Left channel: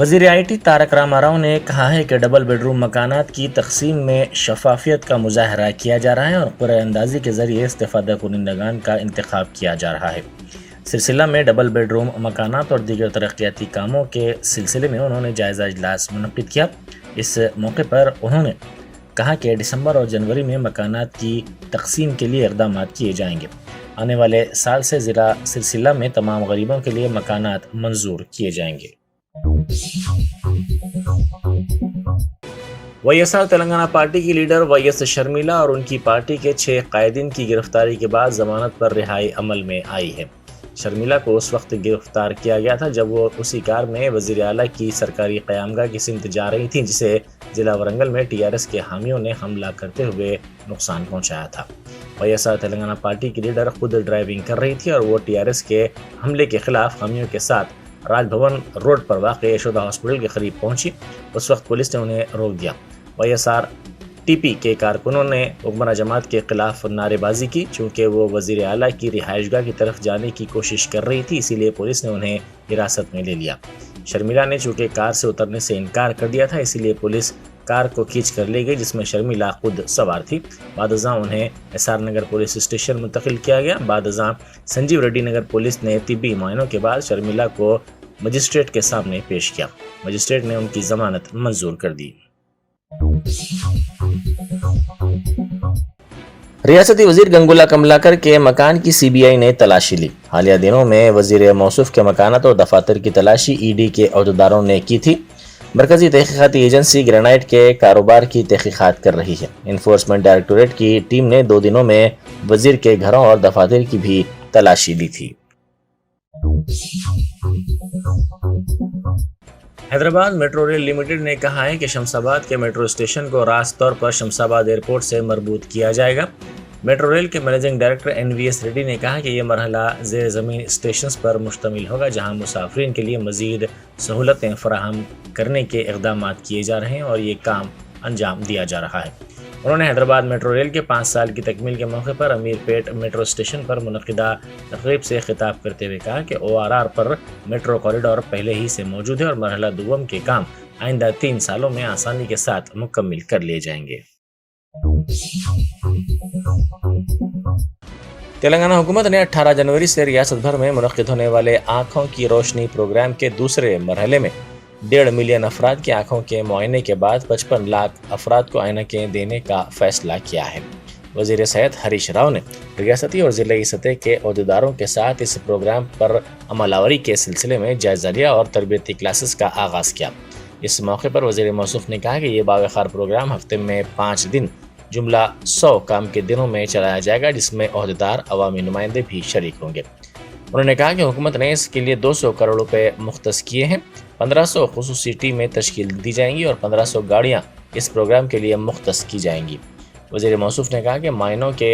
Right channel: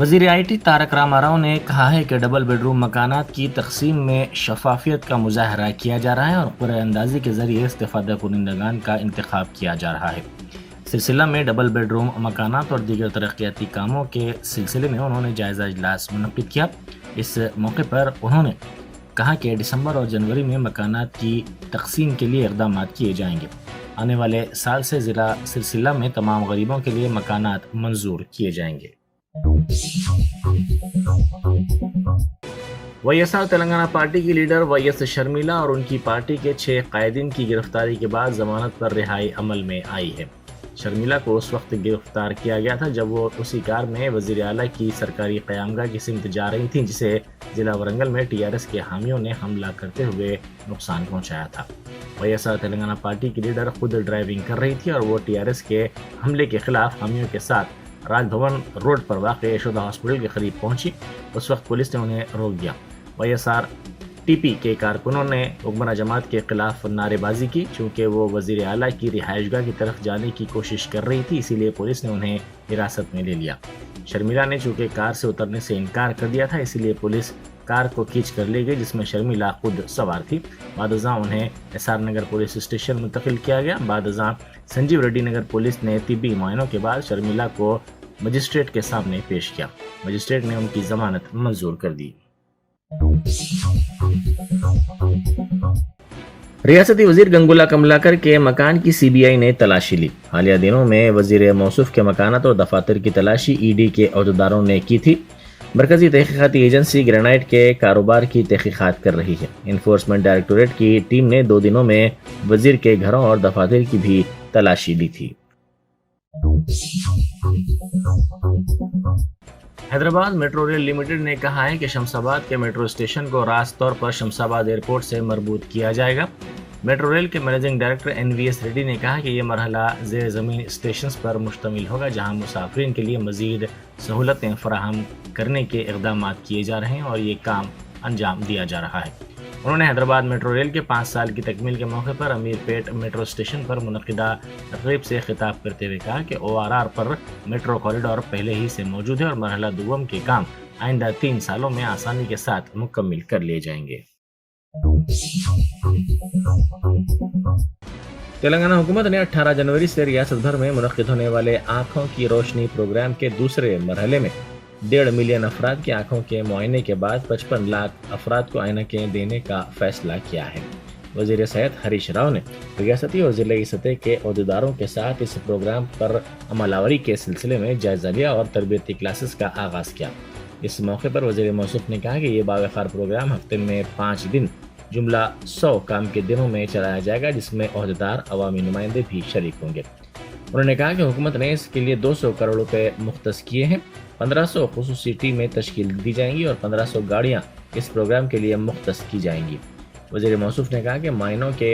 وزیر I T Tarak Rama Rao نے کہا ہے کہ ڈبل بیڈ روم مکانات کی تقسیم میں شفافیت کا مظاہرہ کیا جا رہا ہے اور قرعہ اندازی کے ذریعے استفادہ کنندگان کا انتخاب کیا جا رہا ہے۔ سلسلہ میں ڈبل بیڈ روم مکانات اور دیگر ترقیاتی کاموں کے سلسلے میں انہوں نے جائزہ اجلاس منعقد کیا۔ اس موقع پر انہوں نے کہا کہ دسمبر اور جنوری میں مکانات کی تقسیم کے لیے اقدامات کیے جائیں گے۔ آنے والے سال سے ضلع سلسلہ میں تمام غریبوں کے لیے مکانات منظور کیے جائیں گے۔ Y S R Telangana party کی لیڈر وائی ایس شرمیلا اور ان کی پارٹی کے 6 قائدین کی گرفتاری کے بعد ضمانت پر رہائی عمل میں آئی ہے۔ شرمیلا کو اس وقت گرفتار کیا گیا تھا جب وہ اسی کار میں وزیر اعلیٰ کی سرکاری قیامگاہ کی سمت جا رہی تھیں جسے ضلع ورنگل میں ٹی آر ایس کے حامیوں نے حملہ کرتے ہوئے نقصان پہنچایا تھا۔ Y S R Telangana party کی لیڈر خود ڈرائیونگ کر رہی تھی اور وہ ٹی آر ایس کے حملے کے خلاف حامیوں کے ساتھ راج بھون روڈ پر واقع یشودا ہاسپٹل کے قریب پہنچی۔ اس وقت پولیس نے انہیں روک دیا۔ Y S R T P کے کارکنوں نے حکمراں جماعت کے خلاف نعرے بازی کی چونکہ وہ وزیر اعلیٰ کی رہائش گاہ کی طرف جانے کی کوشش کر رہی تھی، اسی لیے پولیس نے انہیں حراست میں لے لیا۔ شرمیلا نے چونکہ کار سے اترنے سے انکار کر دیا تھا، اسی لیے پولیس کار کو کھینچ کر لے گئی جس میں شرمیلا خود سوار تھی۔ بعد ازاں انہیں S R Nagar police station منتقل کیا گیا۔ بعد ازاں سنجیو ریڈی نگر پولیس نے طبی معائنوں کے بعد شرمیلا کو مجسٹریٹ کے سامنے پیش کیا۔ مجسٹریٹ نے ان کی ضمانت منظور کر دی۔ ریاستی وزیر گنگولا کملاکر کے مکان کی سی بی آئی نے تلاشی لی۔ حالیہ دنوں میں وزیر موصوف کے مکانات اور دفاتر کی تلاشی ای ڈی کے عہدیداروں نے کی تھی۔ مرکزی تحقیقاتی ایجنسی گرینائٹ کے کاروبار کی تحقیقات کر رہی ہے۔ انفورسمنٹ ڈائریکٹوریٹ کی ٹیم نے 2 دنوں میں وزیر کے گھروں اور دفاتر کی بھی تلاشی لی تھی۔ حیدرآباد میٹرو ریل لمیٹڈ نے کہا ہے کہ شمس آباد کے میٹرو اسٹیشن کو راست طور پر شمس آباد ایئرپورٹ سے مربوط کیا جائے گا۔ میٹرو ریل کے managing director N V S ready نے کہا کہ یہ مرحلہ زیر زمین اسٹیشنز پر مشتمل ہوگا جہاں مسافرین کے لیے مزید سہولتیں فراہم کرنے کے اقدامات کیے جا رہے ہیں اور یہ کام انجام دیا جا رہا ہے۔ انہوں نے حیدرآباد میٹرو ریل کے 5 سال کی تکمیل کے موقع پر امیر پیٹ میٹرو اسٹیشن پر منعقدہ تقریب سے خطاب کرتے ہوئے کہا کہ او آر آر پر میٹرو کوریڈور پہلے ہی سے موجود ہے اور مرحلہ دوم کے کام آئندہ 3 سالوں میں آسانی کے ساتھ مکمل کر لیے جائیں گے۔ تلنگانہ حکومت نے 18 جنوری سے ریاست بھر میں منعقد ہونے والے آنکھوں کی روشنی پروگرام کے دوسرے مرحلے میں 1.5 ملین افراد کی آنکھوں کے معائنے کے بعد 55 لاکھ افراد کو عینکیں دینے کا فیصلہ کیا ہے۔ وزیر صحت ہریش راؤ نے ریاستی اور ضلعی سطح کے عہدیداروں کے ساتھ اس پروگرام پر عمل آوری کے سلسلے میں جائزہ لیا اور تربیتی کلاسز کا آغاز کیا۔ اس موقع پر وزیر موصوف نے کہا کہ یہ باوقار پروگرام ہفتے میں 5 دن جملہ 100 کام کے دنوں میں چلایا جائے گا جس میں عہدیدار عوامی نمائندے بھی شریک ہوں گے۔ انہوں نے کہا کہ حکومت نے اس کے لیے 200 کروڑ روپے مختص کیے ہیں۔ 1500 خصوصی ٹیمیں تشکیل دی جائیں گی اور 1500 گاڑیاں اس پروگرام کے لیے مختص کی جائیں گی۔ وزیر موصوف نے کہا کہ معائنوں کے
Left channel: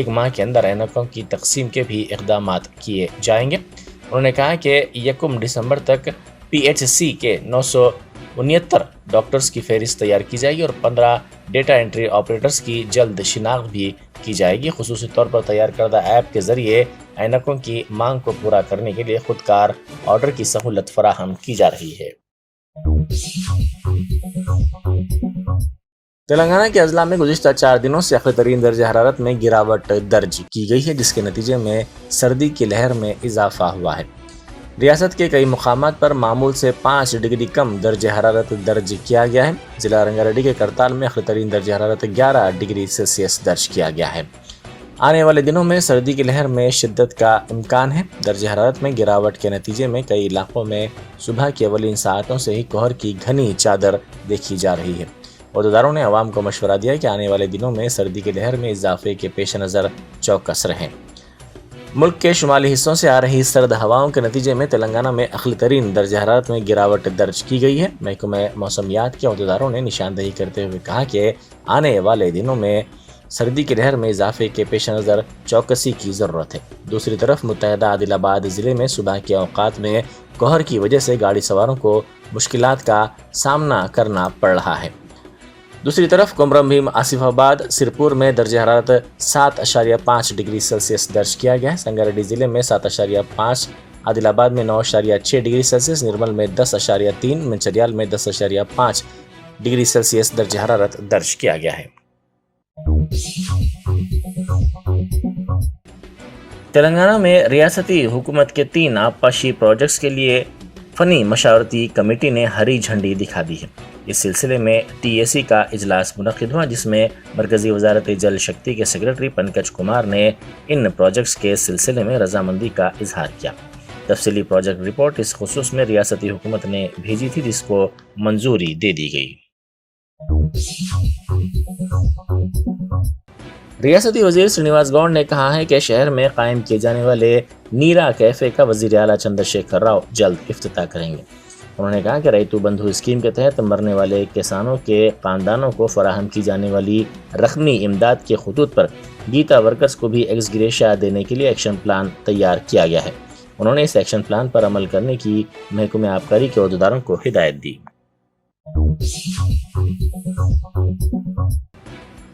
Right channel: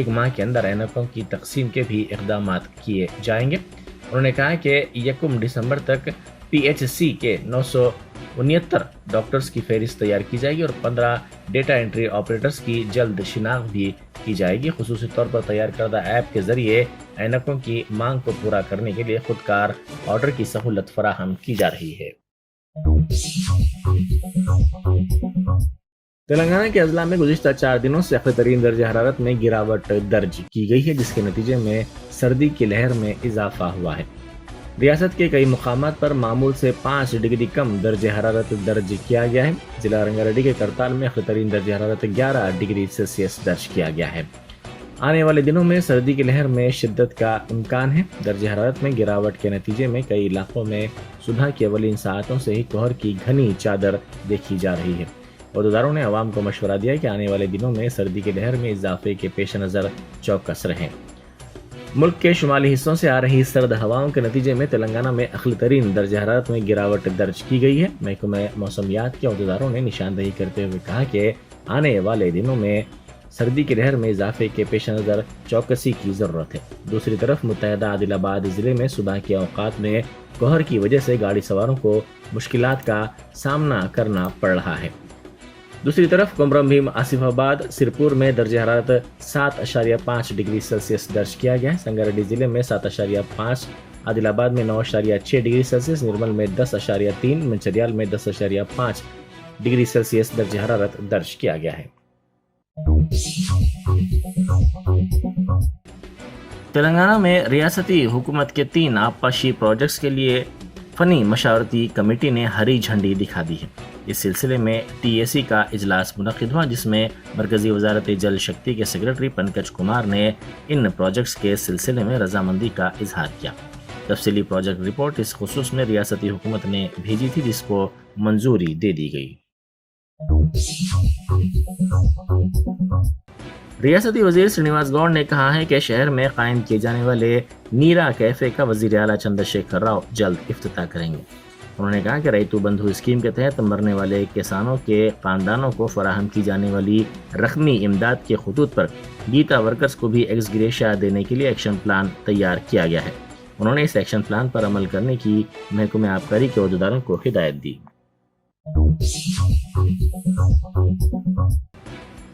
1 ماہ کے اندر عینکوں کی تقسیم کے بھی اقدامات کیے جائیں گے۔ انہوں نے کہا کہ 1 دسمبر تک پی ایچ سی کے 969 ڈاکٹرز کی فہرست تیار کی جائے گی اور 15 ڈیٹا انٹری آپریٹرز کی جلد شناخت بھی کی جائے گی۔ خصوصی طور پر تیار کردہ ایپ کے ذریعے عینکوں کی مانگ کو پورا کرنے کے لیے خودکار آرڈر کی سہولت فراہم کی جا رہی ہے۔ تلنگانہ کے اضلاع میں گزشتہ 4 دنوں سے اقلی ترین درجہ حرارت میں گراوٹ درج کی گئی ہے جس کے نتیجے میں سردی کی لہر میں اضافہ ہوا ہے۔ ریاست کے کئی مقامات پر معمول سے 5 ڈگری کم درجہ حرارت درج کیا گیا ہے۔ ضلع رنگا ریڈی کے کرتال میں اقلی ترین درجہ حرارت 11 ڈگری سیلسیس درج کیا گیا ہے۔ آنے والے دنوں میں سردی کی لہر میں شدت کا امکان ہے۔ درجہ حرارت میں گراوٹ کے نتیجے میں کئی علاقوں میں صبح کی اولین ساعتوں سے ہی کوہر کی گھنی چادر دیکھی جا رہی ہے۔ عہدیداروں نے عوام کو مشورہ دیا کہ آنے والے دنوں میں سردی کی لہر میں اضافے کے پیش نظر چوکس رہیں۔ ملک کے شمالی حصوں سے آ رہی سرد ہواؤں کے نتیجے میں تلنگانہ میں اقلی ترین درجہ حرارت میں گراوٹ درج کی گئی ہے۔ محکمہ موسمیات کے عہدیداروں نے نشاندہی کرتے ہوئے کہا کہ آنے والے دنوں میں سردی کی لہر میں اضافے کے پیش نظر چوکسی کی ضرورت ہے۔ دوسری طرف متحدہ عادل آباد ضلع میں صبح کے اوقات میں کوہر کی وجہ سے گاڑی سواروں کو مشکلات کا سامنا کرنا پڑ رہا ہے۔ دوسری طرف کمرم بھیم آصف آباد سرپور میں درجہ حرارت 7.5 ڈگری سیلسیس درج کیا گیا ہے۔ سنگاریڈی ضلع میں 7.5 عادل آباد میں 9.6 ڈگری سیلسیس، نرمل میں 10.3، منچریال میں 10.5 ڈگری سیلسیس درجہ حرارت درج کیا گیا ہے۔ تلنگانہ میں ریاستی حکومت کے 3 آبپاشی پروجیکٹس کے لیے فنی مشاورتی کمیٹی نے ہری جھنڈی دکھا دی ہے۔ اس سلسلے میں TAC کا اجلاس منعقد ہوا، جس میں مرکزی وزارت جل شکتی کے سیکرٹری پنکج کمار نے ان پروجیکٹس کے سلسلے میں رضامندی کا اظہار کیا۔ تفصیلی پروجیکٹ رپورٹ اس خصوص میں ریاستی حکومت نے بھیجی تھی، جس کو منظوری دے دی گئی۔ ریاستی وزیر سرینواس گوڑ نے کہا ہے کہ شہر میں قائم کیے جانے والے نیرا کیفے کا وزیر اعلیٰ چندر شیکھر راؤ جلد افتتاح کریں گے۔ انہوں نے کہا کہ ریتو بندھو اسکیم کے تحت مرنے والے کسانوں کے خاندانوں کو فراہم کی جانے والی رقمی امداد کے خطوط پر گیتا ورکرز کو بھی ایکس گریشیا دینے کے لیے ایکشن پلان تیار کیا گیا ہے۔ انہوں نے اس ایکشن پلان پر عمل کرنے کی محکمہ آبکاری کے عہدیداروں کو ہدایت دی۔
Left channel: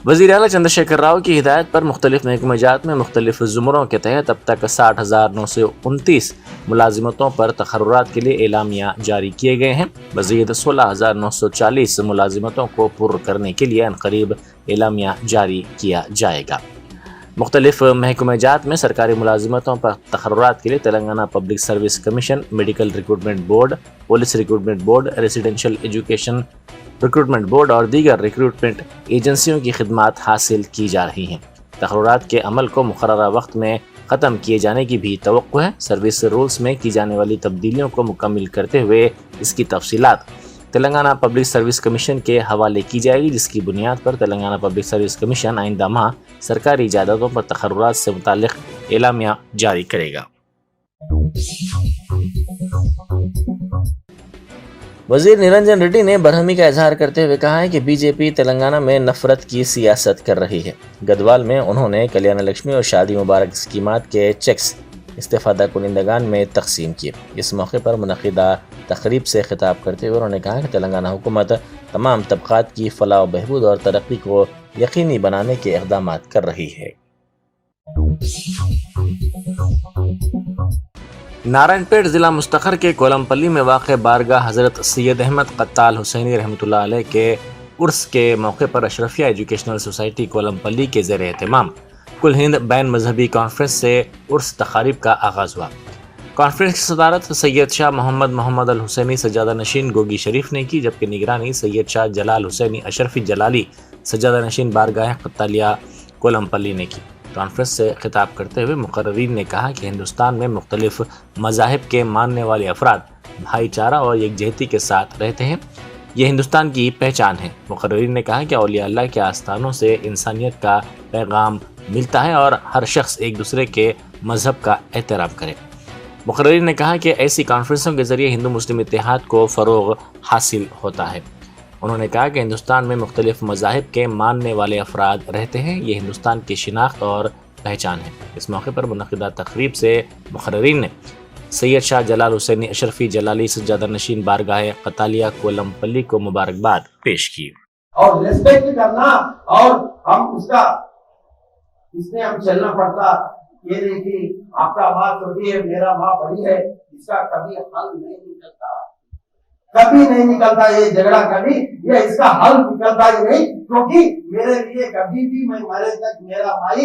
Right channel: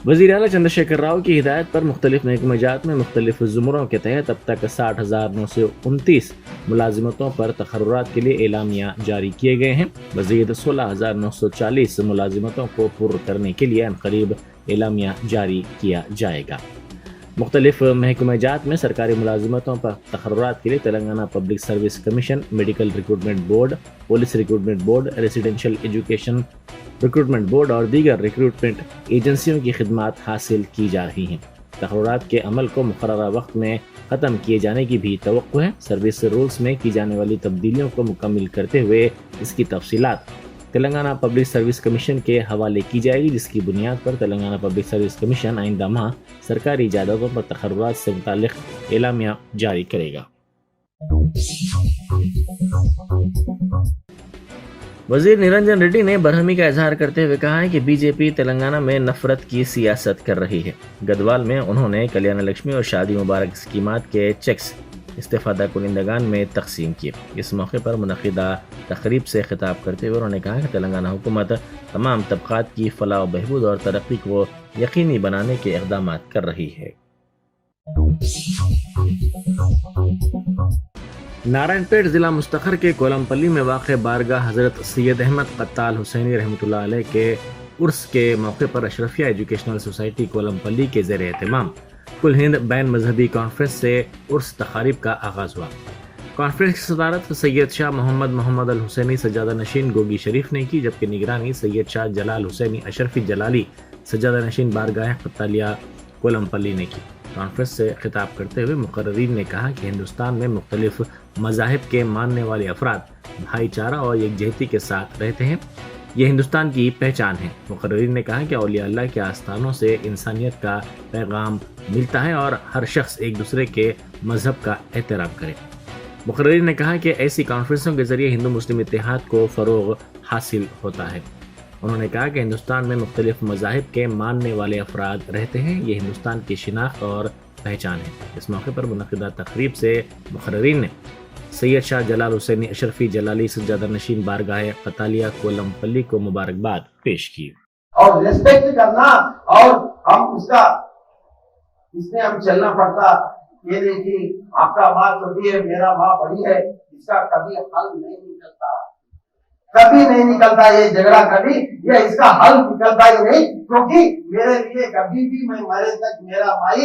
وزیر اعلیٰ چندر شیکھر راؤ کی ہدایت پر مختلف محکمہ جات میں مختلف زمروں کے تحت اب تک 60,929 ملازمتوں پر تقررات کے لیے اعلامیہ جاری کیے گئے ہیں۔ مزید 16,940 ملازمتوں کو پر کرنے کے لیے عنقریب اعلامیہ جاری کیا جائے گا۔ مختلف محکمہ جات میں سرکاری ملازمتوں پر تقررات کے لیے Telangana public service commission, medical recruitment board, police recruitment board, residential education recruitment board اور دیگر ریکروٹمنٹ ایجنسیوں کی خدمات حاصل کی جا رہی ہیں۔ تقررات کے عمل کو مقررہ وقت میں ختم کیے جانے کی بھی توقع ہے۔ سروس رولز میں کی جانے والی تبدیلیوں کو مکمل کرتے ہوئے اس کی تفصیلات تلنگانہ پبلک سروس کمیشن کے حوالے کی جائے گی، جس کی بنیاد پر تلنگانہ پبلک سروس کمیشن آئندہ ماہ سرکاری جائیدادوں پر تقررات سے متعلق اعلامیہ جاری کرے گا۔ وزیر نرنجن ریڈی نے برہمی کا اظہار کرتے ہوئے کہا ہے کہ BJP تلنگانہ میں نفرت کی سیاست کر رہی ہے۔ گدوال میں انہوں نے کلیانہ لکشمی اور شادی مبارک اسکیمات کے چیکس استفادہ کنندگان میں تقسیم کیے۔ اس موقع پر منعقدہ تقریب سے خطاب کرتے ہوئے انہوں نے کہا کہ تلنگانہ حکومت تمام طبقات کی فلاح و بہبود اور ترقی کو یقینی بنانے کے اقدامات کر رہی ہے۔ نارائن پیٹ ضلع مستقر کے کولمپلی میں واقع بارگاہ حضرت سید احمد قتال حسینی رحمۃ اللہ علیہ کے عرس کے موقع پر اشرفیہ ایجوکیشنل سوسائٹی کولمپلی کے زیر اہتمام کل ہند بین مذہبی کانفرنس سے عرس تقاریب کا آغاز ہوا۔ کانفرنس کی صدارت سید شاہ محمد الحسینی سجادہ نشین گوگی شریف نے کی، جبکہ نگرانی سید شاہ جلال حسینی اشرفی جلالی سجادہ نشین بارگاہ قتالیہ کولمپلی نے کی۔ کانفرنس سے خطاب کرتے ہوئے مقررین نے کہا کہ ہندوستان میں مختلف مذاہب کے ماننے والے افراد بھائی چارہ اور یکجہتی کے ساتھ رہتے ہیں، یہ ہندوستان کی پہچان ہے۔ مقررین نے کہا کہ اولیاء اللہ کے آستانوں سے انسانیت کا پیغام ملتا ہے اور ہر شخص ایک دوسرے کے مذہب کا احترام کرے۔ مقررین نے کہا کہ ایسی کانفرنسوں کے ذریعے ہندو مسلم اتحاد کو فروغ حاصل ہوتا ہے۔ انہوں نے کہا کہ ہندوستان میں مختلف مذاہب کے ماننے والے افراد رہتے ہیں، یہ ہندوستان کی شناخت اور پہچان ہے۔ اس موقع پر منعقدہ تقریب سے مقررین نے سید شاہ جلال حسینی اشرفی جلالی سجادہ نشین بارگاہ قتالیہ کولمپلی کو مبارکباد پیش کی۔ اور ریسپیکٹ کرنا اور ہم اس میں ہم چلنا پڑتا، یہ نہیں کہ آپ کا ماں چھوٹی ہے میرا ماں بڑی ہے، اس کا کبھی حل نہیں نکلتا یہ جھگڑا، کبھی یہ اس کا حل نکلتا ہی نہیں، کیونکہ میرے لیے کبھی بھی میں مرے تک میرا مائی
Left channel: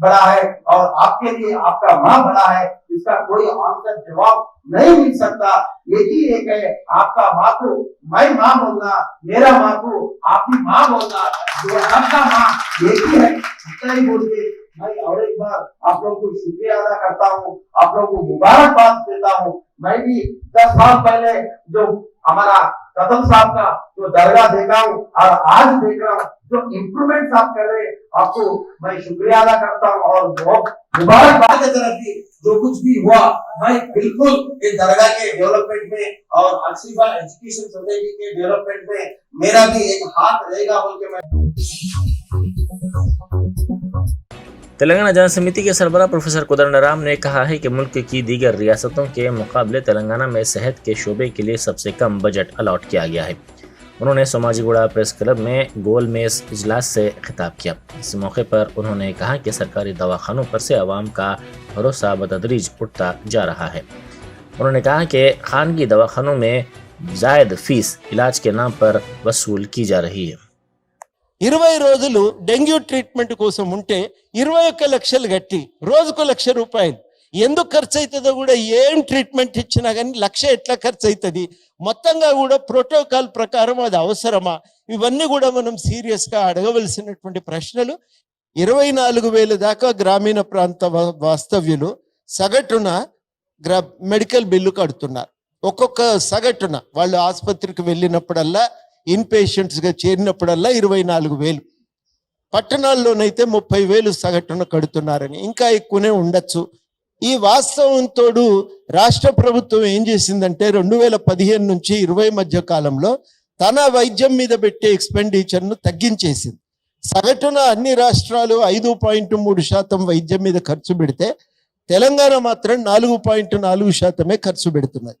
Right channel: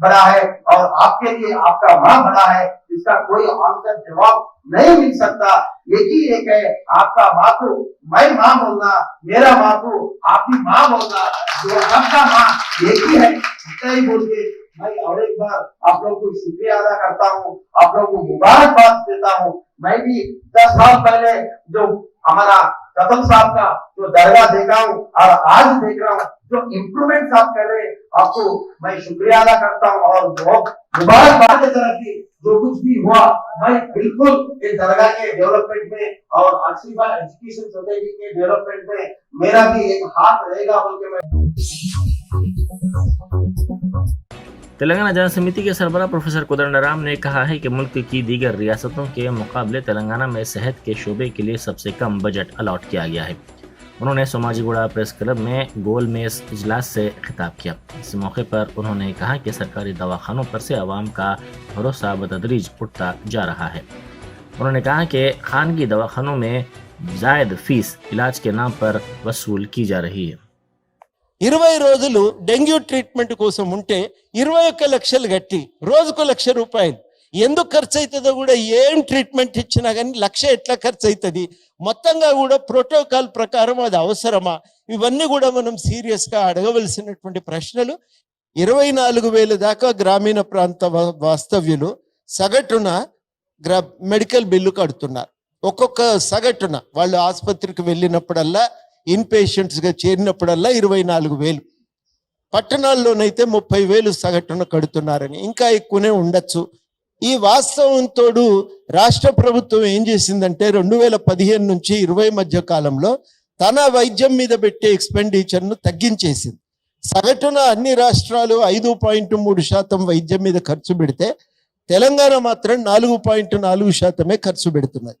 بڑا ہے اور آپ کے لیے آپ کا ماں بڑا ہے، اس کا کوئی آنسر جواب نہیں مل سکتا۔ یہی ایک ہے، آپ کا ماں کو میں ماں بولنا، میرا ماں کو آپ کی ماں بولنا، جو آپ کا ماں ایک ہی ہے، اتنا ہی بول کے میں اور ایک بار آپ لوگوں کو شکریہ ادا کرتا ہوں، آپ لوگوں کو مبارکباد دیتا ہوں۔ میں بھی 10 سال پہلے جو ہمارا قدم صاحب کا جو درگاہ دیکھا ہوں اور آج دیکھ رہا ہوں جو امپرومنٹ آپ کر رہے ہیں، آپ کو میں شکریہ ادا کرتا ہوں اور بہت مبارکباد کی طرف کی جو کچھ بھی ہوا میں بالکل اس درگاہ کے ڈیولپمنٹ میں اور اشرفیہ ایجوکیشن سوسائٹی کے ڈیولپمنٹ میں میرا بھی ایک ہاتھ رہے گا بول کے میں۔ تلنگانہ جن سمیتی کے سربراہ پروفیسر کودنڈ رام نے کہا ہے کہ ملک کی دیگر ریاستوں کے مقابلے تلنگانہ میں صحت کے شعبے کے لیے سب سے کم بجٹ الاٹ کیا گیا ہے۔ انہوں نے سوماجی گوڑا پریس کلب میں گول میز اجلاس سے خطاب کیا۔ اس موقع پر انہوں نے کہا کہ سرکاری دواخانوں پر سے عوام کا بھروسہ بتدریج اٹھتا جا رہا ہے۔ انہوں نے کہا کہ خانگی دواخانوں میں زائد فیس علاج کے نام پر وصول کی جا رہی ہے. 20 రోజులు డెంగ్యూ ట్రీట్మెంట్ కోసం ఉంటే 21 లక్షలు కట్టి రోజుకు 1,00,000 రూపాయలు ఎందుకు ఖర్చు అవుతుందో కూడా, ఏం ట్రీట్మెంట్ ఇచ్చినా కానీ 1,00,000 ఎట్లా ఖర్చు అవుతుంది, మొత్తంగా కూడా ప్రోటోకాల్ ప్రకారం అది అవసరమా, ఇవన్నీ కూడా మనం సీరియస్గా అడగవలసినటువంటి ప్రశ్నలు. 24,000 దాకా గ్రామీణ ప్రాంత వాస్తవ్యులు సగటున మెడికల్ బిల్లు కడుతున్నారు. ఒక్కొక్క సగటున వాళ్ళు ఆసుపత్రికి వెళ్ళినప్పుడల్లా ఇన్ పేషెంట్స్గా చేరినప్పుడల్లా 24,000, పట్టణాల్లోనైతే 30,000 సగటున కడుతున్నారని, ఇంకా ఎక్కువనే ఉండొచ్చు. ఈ వాస్తవం తోడు రాష్ట్ర ప్రభుత్వం ఏం చేసిందంటే 2015 నుంచి 20 మధ్య కాలంలో తన వైద్యం మీద పెట్టే ఎక్స్పెండిచర్ను తగ్గించేసింది. సగటున అన్ని రాష్ట్రాలు 5.3% వైద్యం మీద ఖర్చు పెడితే తెలంగాణ మాత్రం 4.4% ఖర్చు పెడుతున్నది.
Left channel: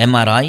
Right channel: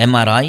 MRI,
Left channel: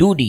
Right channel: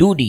2D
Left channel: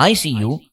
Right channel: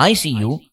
ICU